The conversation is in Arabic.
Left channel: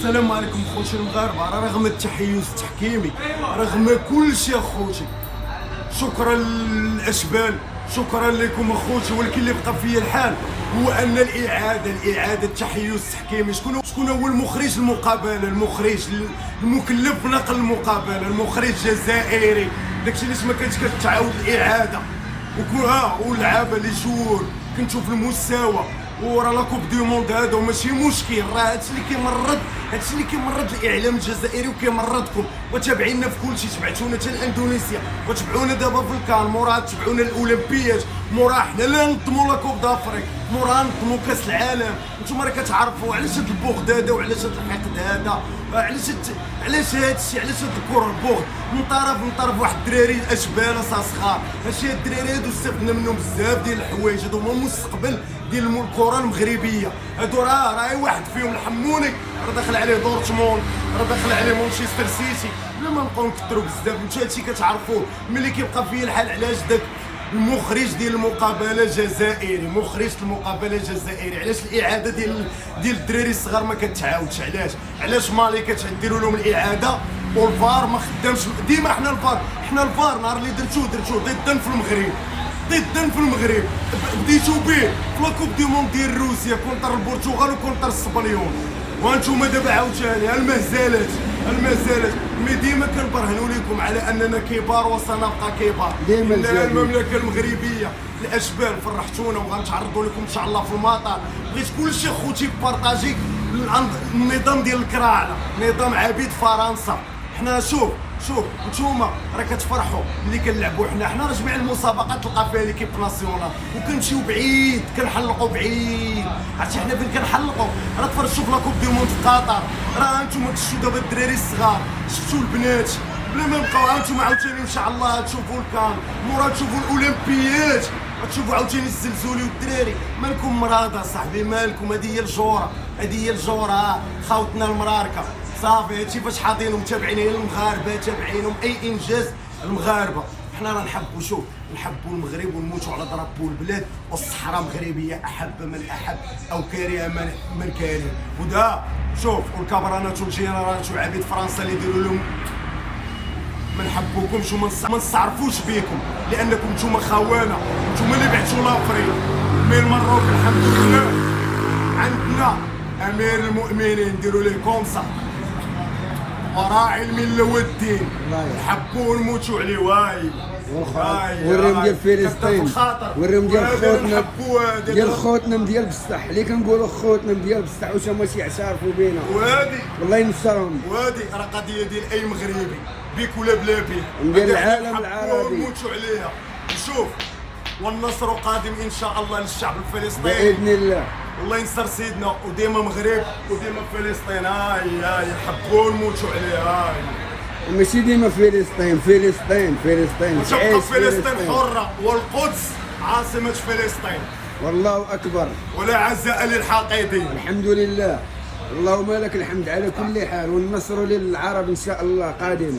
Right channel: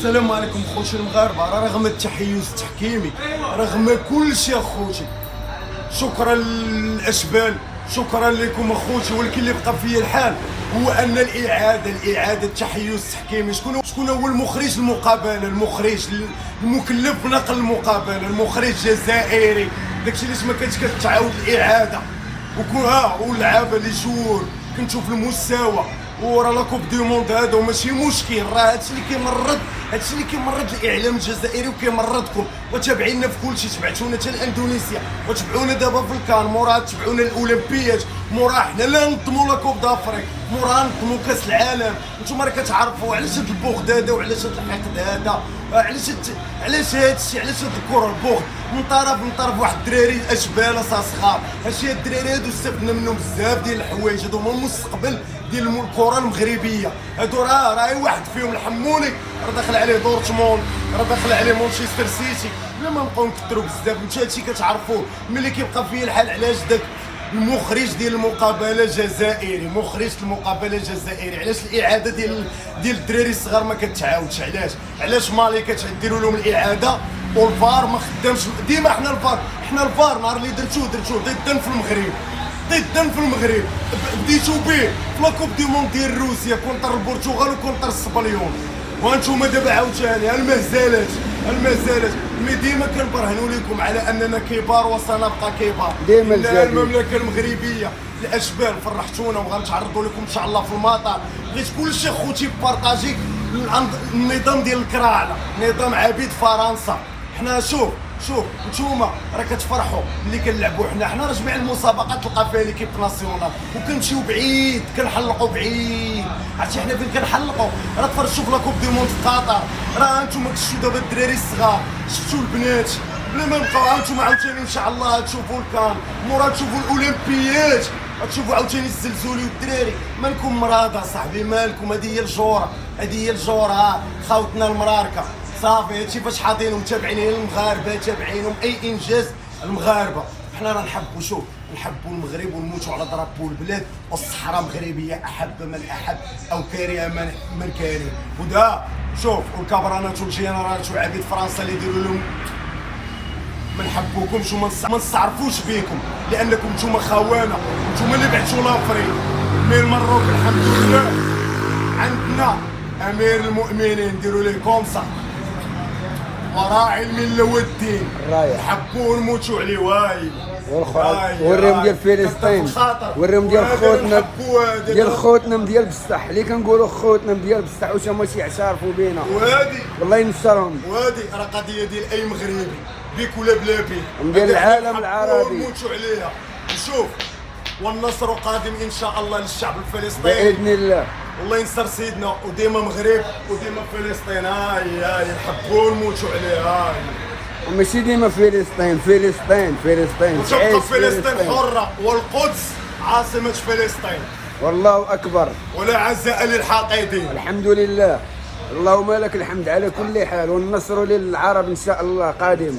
السلام عليكم خوتي المغاربه. رغم التحيز التحكيمي، رغم كل شيء اخوتي، شكرا للاشبال، شكرا لكم اخوتي، ولكن اللي بقى فيا الحال هو ان الاعاده التحيز التحكيمي. شكون هو المخرج المقابله، المخرج المكلف بنقل المقابله، المخرج الجزائري. داكشي علاش ما كانتش كتعاود الاعاده. واللعابه اللي جور كنتو في المستوى، وراه لا كوب دو موند هذا وماشي مشكل. راه هادشي اللي كيمرض الاعلام الجزائري وكيمرضكم، وتابعينا في كلشي. تبعتونا حتى لاندونيسيا، وتبعونا دابا في الكان، موراها تبعونا الاولمبيات، موراها حنا لا نظموا لا كوب دافريك، موراها نظموا كاس العالم. نتوما راه كتعرفوا علاش هاد البغض هذا، وعلاش هاد الحقد هذا، علاش هادشي، علاش هاد الكره البغض من طرف واحد الدراري اشبال صغار. هادشي الدراري هادو استفدنا منهم بزاف ديال الحوايج. هادو هما المستقبل ديال الكره المغربيه. هادو راه واحد فيهم الحموني راه داخل عليه دورتموند، راه داخل عليه مانشستر سيتي. بلا ما نبقاو نكثروا بزاف، نتوما هادشي كتعرفوه. ملي كيبقى فيا الحال علاش داك المخرج ديال المقابله الجزائري، مخرج المقابله الجزائري، علاش الاعاده ديال الدراري الصغار ما كتعاودش؟ علاش مالي كتديروا لهم الاعاده والفار ما خدامش؟ ديما حنا الفار نهار اللي درتوه ضدا في المغرب، بديتو به في لاكوب دي موند ديال روسيا كونتر البرتغال وكونتر السبليون، وانتم دابا عاوتاني المهزلات. مي ديما كنبرهنوا لكم على اننا كبار وسنبقى كبار. ديما المملكه المغربيه الاشبال فرحتونا، وغنتعرضوا لكم ان شاء الله في المطار. بغيت كلشي خوتي بارطاجي النظام ديال الكراعله، نظام عبيد فرنسا. حنا شوف نتوما راه كتفرحوا ملي كنلعبوا. حنا راه جميع المسابقات تلقى فيها ليكيب ناسيونال وكنمشيو بعيد، كنحلقوا بعيد. عرفتي حنا فين كنحلقوا؟ راه تفرجتوا في لاكوب دي موند في قطر، راه نتوما كتشوفوا دابا الدراري الصغار، شفتوا البنات بلا ما نبقاو. نتوما عاوتاني ان شاء الله تشوفوا الكان، مورا تشوفوا الاولمبيات، تشوفوا عاوتاني الزلزولي والدراري. مالكم مراد صاحبي، مالكم؟ هذه هي الجوره، خاوتنا المراركه صافي. هادشي فاش حاطينهم متابعين المغاربه، تابعينهم اي انجاز المغاربه. حنا راه نحبوا المغرب ونموتوا على ضربوا البلاد، والصحراء مغربيه احب من احب او كاره من كاره. ودا شوف والكابرانات والجنرالات وعبيد فرنسا اللي يديروا لهم ما نحبوكمش وما نستعرفوش بيكم، لانكم نتوما خونه، نتوما اللي بعتوا لافريك. من المروك الحمد لله عندنا امير المؤمنين، نديروا ليه كونسا، وراعي المله والدين، نحبوه ونموتوا عليه. وريهم ديال فلسطين، وريهم ديال خوتنا ديال بصح، اللي كنقولوا خوتنا ديال بصح واش هما يعترفوا بينا، وهادي والله ينصرهم. وهادي راه قضيه ديال اي مغربي بيك ولا بلا بيك، ديال العالم العربي، ونموتوا عليها. نشوف والنصر قادم ان شاء الله للشعب الفلسطيني باذن الله. والله ينصر سيدنا، وديما مغرب وديما فلسطين. هاي نحبوا ونموتوا عليه. ماشي ديما فلسطين وتبقى فلسطين حرة، والقدس عاصمة فلسطين. والله أكبر، ولا عزاء للحاقدين. الحمد لله، اللهم لك الحمد على كل حال، والنصر للعرب إن شاء الله قادم.